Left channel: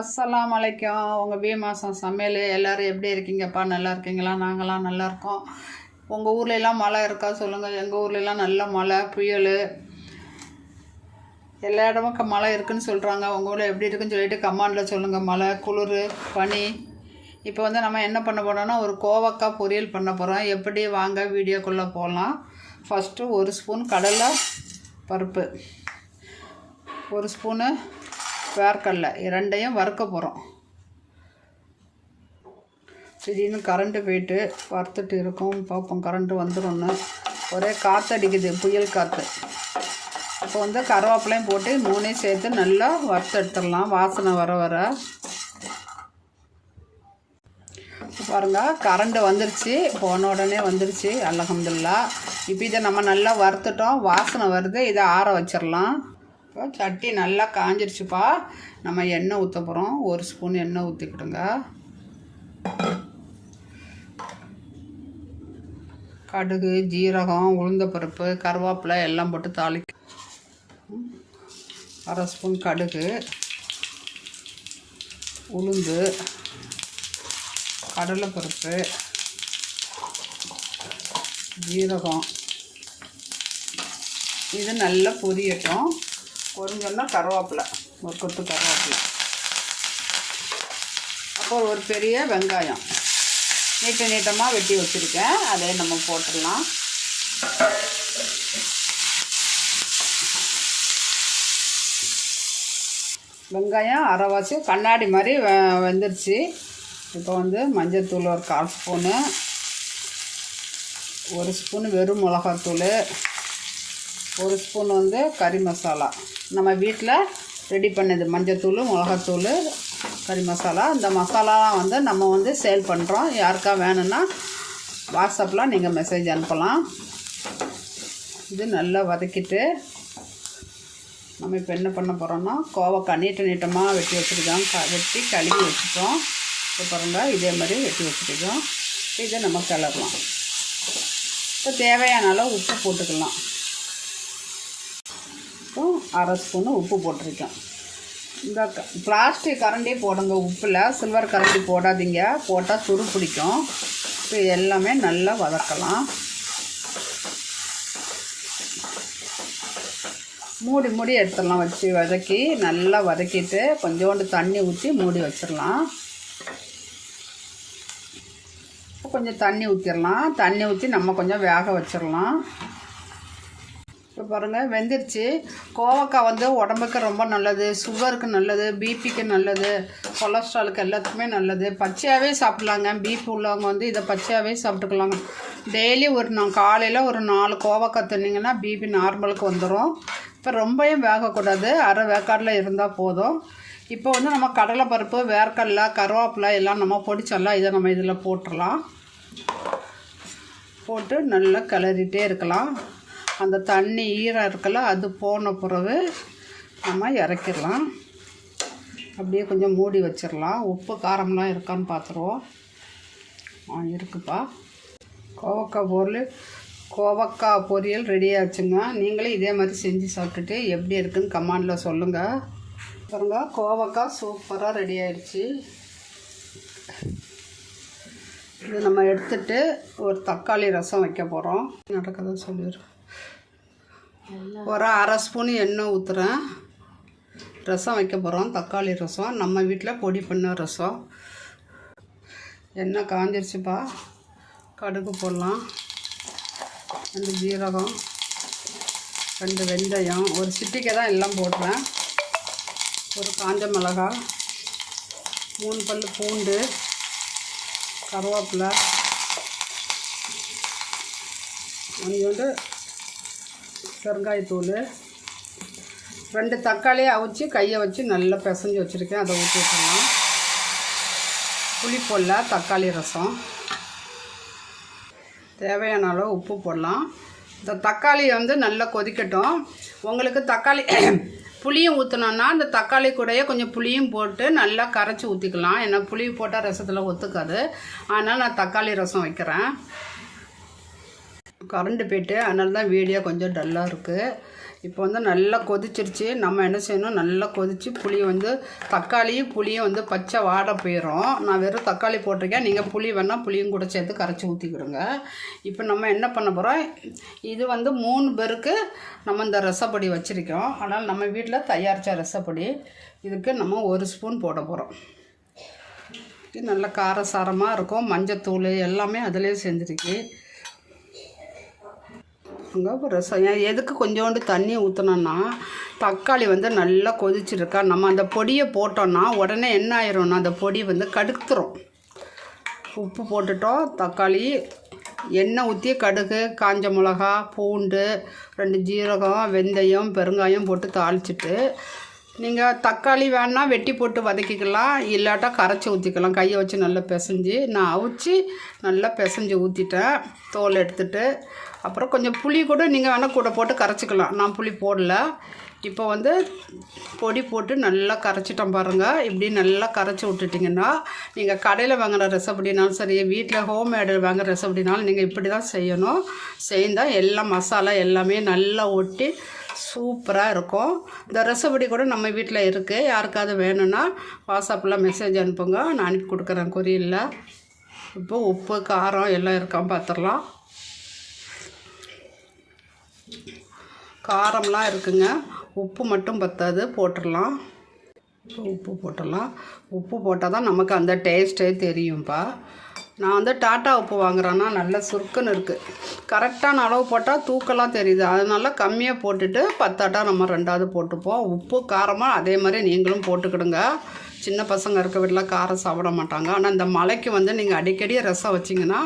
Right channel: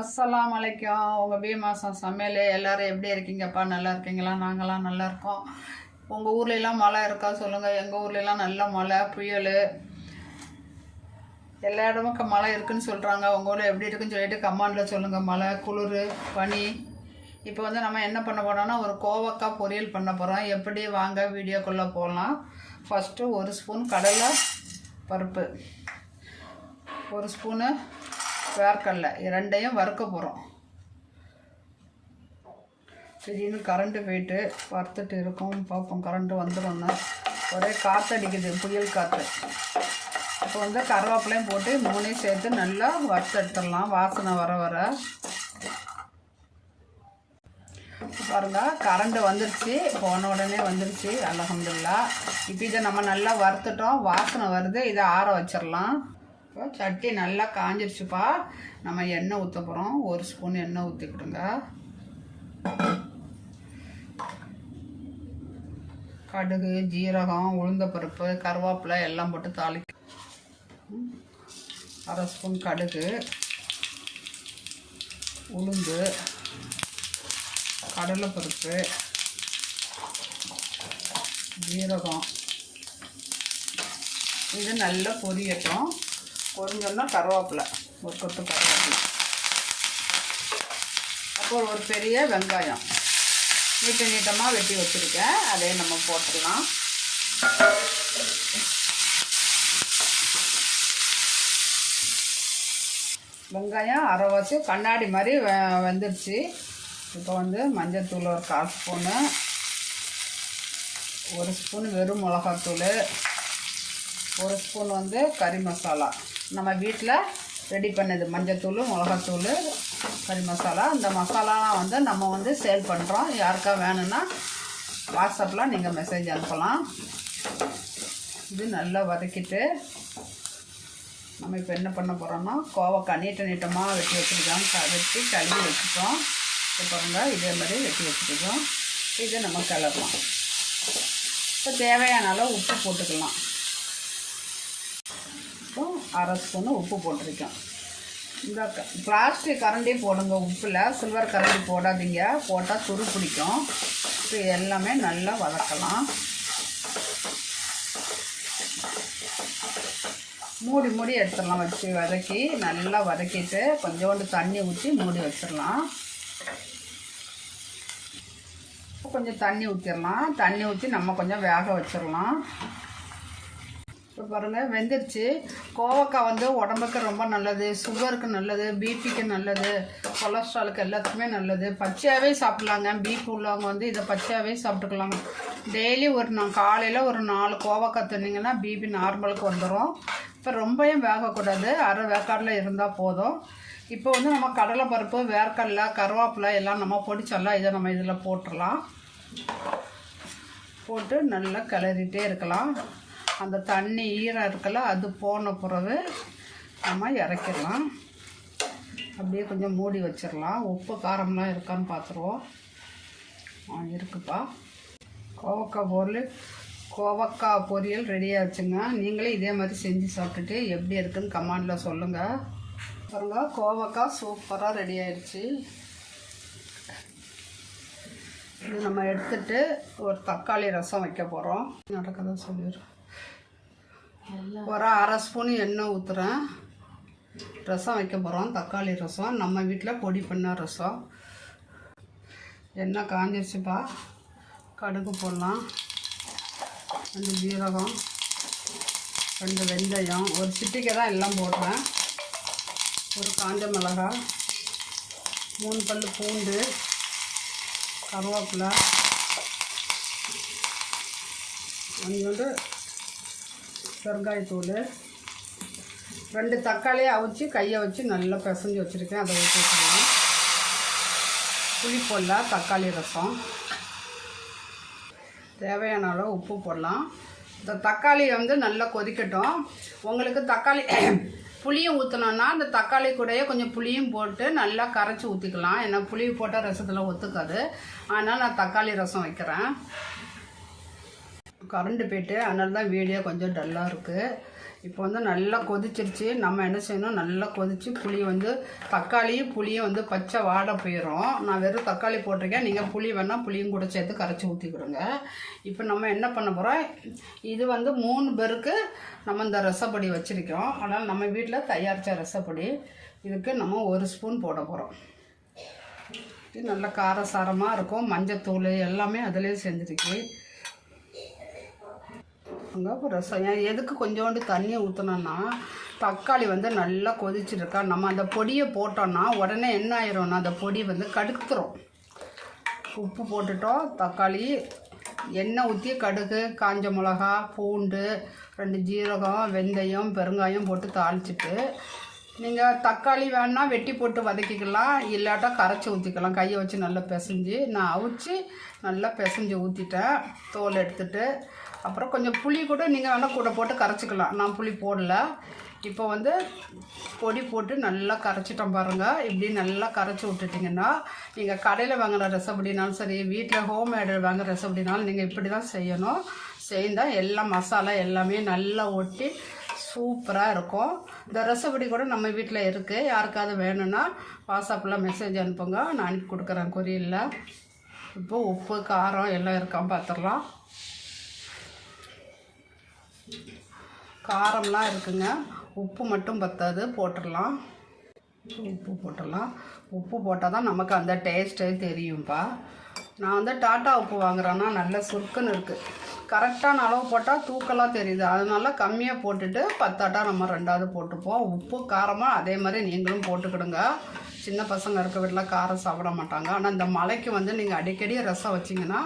அஸ்ஸலாம் வலைக்கும் உங்கள் பீ மாதம் சமையல் எல்லோரும் எப்படி இருக்கீங்கப்பா? நல்லா இருக்கீங்களா? நாங்களாம் நல்லா இருக்கோம். உங்கள் ஊர்லெலாம் மழை இருக்கா? சொல்லுங்கள் எங்கள் ஊர்லெலாம் நல்ல மழை புயல். எல்லா இடமும் மழை இருக்குன்னு சொல்கிறாங்க உங்கள் ஊரில் எப்படி இருக்குன்னு சொல்லிட்டு கமாண்டில் சொல்லுங்கள் மழை குளிர் பனி. இப்போ வந்து நம்ம என்ன பண்ண போனோம்னா ஒரு கோவக்காய் பொரியல் பண்ண போகிறோம் எப்படி? வாங்க வீடியோக்குள்ளே போகலாம் ஃபஸ்ட்டு ஒரு ஸ்பூன் கடலை பருப்பு. ஒரு ஸ்பூனு வேர்க்கடலை இரண்டையும் வறுக்க போகிறோம் திடீர்னு கரண்ட்டு போயிட்டு வறுத்துட்டு இருக்கும். பார்ப்போம் கரண்ட்டு வந்துடும்னு. ஒரே காற்றடிக்குது புயல் காற்று இப்போ வந்து கருவேப்பிலையும் போட்டு மூணையும் சேர்த்து நல்லா வறுத்து எடுத்துடலாம். வாசனை வர வர. பாருங்க கரண்ட்டு வந்துருச்சு. போன உடனே வந்துருச்சு. அலகம்துல்லா இப்போ இதை நம்ம நல்லா வறுத்துட்டோம். வாசனை வருது. இதை ஆற வச்சிடலாம். இப்போ சட்டி நல்லா காஞ்சிருச்சுப்பா. நம்ம எண்ணெய் ஊற்ற போகிறோம் ஒரு ஸ்பூன் எண்ணெய் ஊற்றிக்கிடுங்க கடுகு ஜீரகம் உளுந்தப்பருப்பு கருவேப்பிலை எல்லாம் போட்டு தாளி அரை ஸ்பூன் கடுகு உளுந்து கடலைப்பருப்பு ஜீரகம். இது நல்லா பொரியட்டும். கொஞ்சம்னா கருவேப்பிலை. ஒரு கொத்து கருவேப்பிலை. அப்போ ஒரு பெரிய வெங்காயம். நீட்ட நீட்டமாக வெட்டி வச்சுருக்கேன். அதே நம்ம போட்டுடலாம். வெங்காயம் அரைவாசி கண்ணாடி மாதிரி வெ- வெந்துருச்சு. இப்போ வந்து மஞ்சள்தூள் ஒரு கால் ஸ்பூனு. ஒரு ஸ்பூன் வெறும் மிளகாத்தூள். ஒரு ஸ்பூன் வந்து கறி மசாலா. நம்ம வீட்டில் ரெடி பண்ணது மஞ்சத்தூள் மிளகாத்தூள் கறி மசாலா. இந்த மசாலாலாம் வந்து நம்ம வந்து சேல் பண்ணுறோம் யாருக்கா வேணும்னா வாட்ஸ்அப்பில் நீங்கள் மெசேஜ் அனுப்பலாம். இது நல்லா வதக்கிட்டு நம்ம இப்போ என்ன பண்ண போகிறோம்னா கோவக்காய் நீட்ட நீட்டமாக வெட்டி வச்சுருக்கோம். க வெட்டி கழுவி வச்சுப்போம். அப்புறம்டா இதே மாதிரி வெட்டி வச்சுருக்கோம். இதை நம்ம கிளறலாம். இப்போ தேவையான அளவு உப்பு போட்டுக்கலாம். இப்போ அரை ஸ்பூனு உப்பு போட்டிருக்கேன். இந்த பிளாஸ்டிக் கரண்டி போடுங்க உப்பில். சில்வர் கரண்டி போடாதீங்க. போட்டால் துரு பிடிக்கும். இப்போ எல்லாமே நல்லா வதக்கலாம். மூடி மூடி எடுத்துடலாம் வச்சு வதக்கி நல்லா வதக்கிட்டு கொஞ்சோண்டு தண்ணி ஊற்றி மூடி வச்சிடலாம். கொஞ்சம் தண்ணி ஊற்றிடலாம் தண்ணி ஊற்றி நம்ம கொஞ்சம் வேக வச்சிடலாம். இப்போ பாருங்கள் வெந்துருச்சு. கோவக்காய் வந்து உடம்புக்கு ரொம்ப நல்லது சுகருக்கு நல்லது பிபிக்கு நல்லது கொலஸ்ட்ராலுக்கு எல்லாத்துக்குமே நல்லது. பச்சையாகவே சாப்பிட்லாங்க. பீஃப் உள்ளவங்க வந்து இதை பச்சையாகவே சாப்பிட்டுக்கலாம் டெய்லி ஒரு நான் காலையில் ஒரு நாலு கோவக்காய் தின்னிங்கன்னா பிபி நார்மலுக்கு வந்துடும் இப்போ ரொம்பவும் வேகக்கூடாது. அரை வேக்காடில் இருந்தால் போதும். இப்போ வந்து நம்ம கடலைப்பருப்பு வேர்க்கடலை கருவேப்பிலை எல்லாம் நம்ம பொடிச்செல்லாம் இதை நம்ம இதில் போட்டுடலாம் போட்டு நல்லா கிளறிட்டே இருக்கலாம். அந்த தண்ணி ஈரம் இருக்கல அது போன பிறகு நம்ம இறக்கிடலாம். அப்படியே கொஞ்சம் மூடி வச்சிடலாம். உப்பு காரம்லாம் இருக்கான்னு பார்த்துருவோம். ஆ இருக்குப்பா. கோவக்காய் பொருள் கோவக்காய் பொரியல் ரெடி ஆச்சுங்க. நீங்களே இதே மாதிரி செஞ்சு சாப்பிட்டுட்டு எப்படி இருக்குன்னு கமாண்டில் சொல்லுங்கள் பாருங்க கோவக்காய் சூப்பராக ரெடி ஆயிடுச்சு. இது நம்ம எடுத்துட்டு ஒரு தக்காளி ரசம் வைக்க போகிறோம் நடக்கதை சொல்லிடுறேன் ஒரு அரை ஸ்பூன் எண்ணெய் ஊற்றுறேன் ரசம் வைக்க போகிறோம் தக்காளி ரசம். நம்ம வீட்டில் பொடி பண்ண ரசம். எண்ணெய் காஞ்சிருச்சுப்பா. கடுகு போடலாம். ரெண்டு ஜீரகம் ரெண்டு வெந்தயம். ஒரு சிட்டிக்கை தான் எல்லாம் போடுறேன். ஒரு காஞ்ச மிளகாய் மூணு பல் பூண்டு கருவேப்பிலை. கொஞ்சோண்டு பெருங்காயத்தூள். ரெண்டு தக்காளியை அவிச்சு கையை வச்சு நல்லா பிசைஞ்சு வச்சுருக்கேன். அதை ஊற்றி புளி போடலாம் தக்காளி ரசம். தேவையான அளவு உப்பு போடலாம். இந்த தக்காளி வந்து நல்லா கொதிக்கட்டும். உங்களுக்கு தக்காளி புளியும் ஊற்றணுன்னா அந்த தக்காளி கூடயே கொஞ்சம் புளியும் போட்டு நல்லா கரைச்சி ஊற்றிக்கலாம் ஏன்னா புளி போட்டால் ரசத்தில் ஒத்துக்காது. அதனால் நான் தக்காளி ரசம் வைக்கிறேன். கரண்ட் போயிட்டு அதனால தான் வீடியோ கொஞ்சம் டல்லாக இருக்குது இப்போ வந்து நல்லா கொதிச்சிருச்சு. நம்ம என்ன செய்யணும்? நல்லா கொதிச்சு புளி வந்து தக்காளியும் புளியும் வந்து பச்சை வாட போயிடும் நான் வெறும் தக்காளி போட்டிருக்கேன். நீங்கள் புளி வேணால் புளியும் கூட சேர்த்து கரைச்சி ஊற்றிக்கிடுங்க இப்போ நம்ம என்ன பண்ண போகிறோம் இது வந்து மூணு பேருக்கு நம்ம இந்த ரசப்பொடி வச்சுருக்கோம். ஆனால் நம்ம வீட்டில் தயாரித்த ரசப்பொடி. இதுக்கு நம்ம ஒரு ஸ்பூன் போட போகிறோம் இது நல்ல காரசாரமாக இருக்கும். மஞ்சத்தூள் எல்லாமே அதிலே செஞ்சுருக்கு ரசம். எதுக்கு கொஞ்சோண்டு தண்ணி ஊற்றினோன்னா தக்காளி வந்து நல்லா கொதிச்சிருக்கா. நம்ம அந்த பொடியை போட்டோன்னா உடனே என்ன ஆயிரும்னா அந்த பொடி வந்து கடுத்துரும். உப்பு போட்டுட்டோம் தக்காளி எண்ணெய் ஊற்றி கடுகு காஞ்ச மிளகா பூண்டு ரெண்டு ஜீரகம் வெந்தயம் பெருங்காயம் போட்டு தாளிச்சிட்டு நீங்கள் தக்காளி வேணால் வெட்டி போட்டு வதக்கிக்கலாம் இல்லாட்டா கரைச்சி ஊற்றிக்கலாம் கையை வச்சு நல்லா பிசைஞ்சு நான் அவிச்சு நல்லா பிசைஞ்சு ஊற்றிட்டேன் தோல் எடுத்துட்டு அப்புறம் கொஞ்சம் புளி கூட நீங்கள் வேணால் கூட போட்டு கரைச்சிக்கலாம். நான் புளி போடல. இப்போ வந்து பொடி போட்டு நல்லா கரைச்சிட்டோம் பாருங்கள் இப்படி நல்லா கரைச்சி விட்டுட்டிங்கன்னா நீங்கள் கடையில் வாங்குற ரெசப்படினாலும் சரி வீட்டில் ஹோம்மேடு வாங்குகிற ரெசப்படினாலும் நீங்கள் இப்படி தான் செய்யணும். செய்தால் எல்லா மசாலா எல்லாமே நல்லா ஒட்டி சூப்பராக இருக்கும். இந்த ரெசப்படி கூட நம்ம வீட்டில் இருக்குது யாருக்காவது வேணும்னா வாட்ஸ்அப்பில் மெசேஜ் அனுப்புங்க. நான் அனுப்பி கொடுக்குறேன். குறியில் இப்போ உப்பு காரம் எல்லாம் இருக்கான்னு பார்த்துடலாம். காரம்லாம் இருக்குங்க. உப்பு மட்டும் பத்தாது. போட்டுடலாம். உப்பு போட்டுடலாம். உப்பு போட்டால் தான் நமக்கு அந்த டேஸ்ட்டே தெரியும்ப்பா நான் வந்து டாட்டா உப்பு வாங்குறேன்னா நல்லா சுருக்குன்னு இருக்குது கரெக்டான அளவு போட்டால் தூக்கலாக தெரியுது. அதனால கம்மியாக போட்டுட்டு பத்தாட்டா நம்ம ரெண்டாவது போட்டுப்போம். உப்பு காரமாக அதே மாதிரி நீங்களும் போட்டுக்கிடுங்க. சின்ன பசங்க இருக்க வீட்டில் காரம் சாப்பிட மாட்டாங்க. ஆனால் இந்த மலைக்கு வந்து நீங்கள் அடிக்கடி ரசம் வச்சிங்கன்னா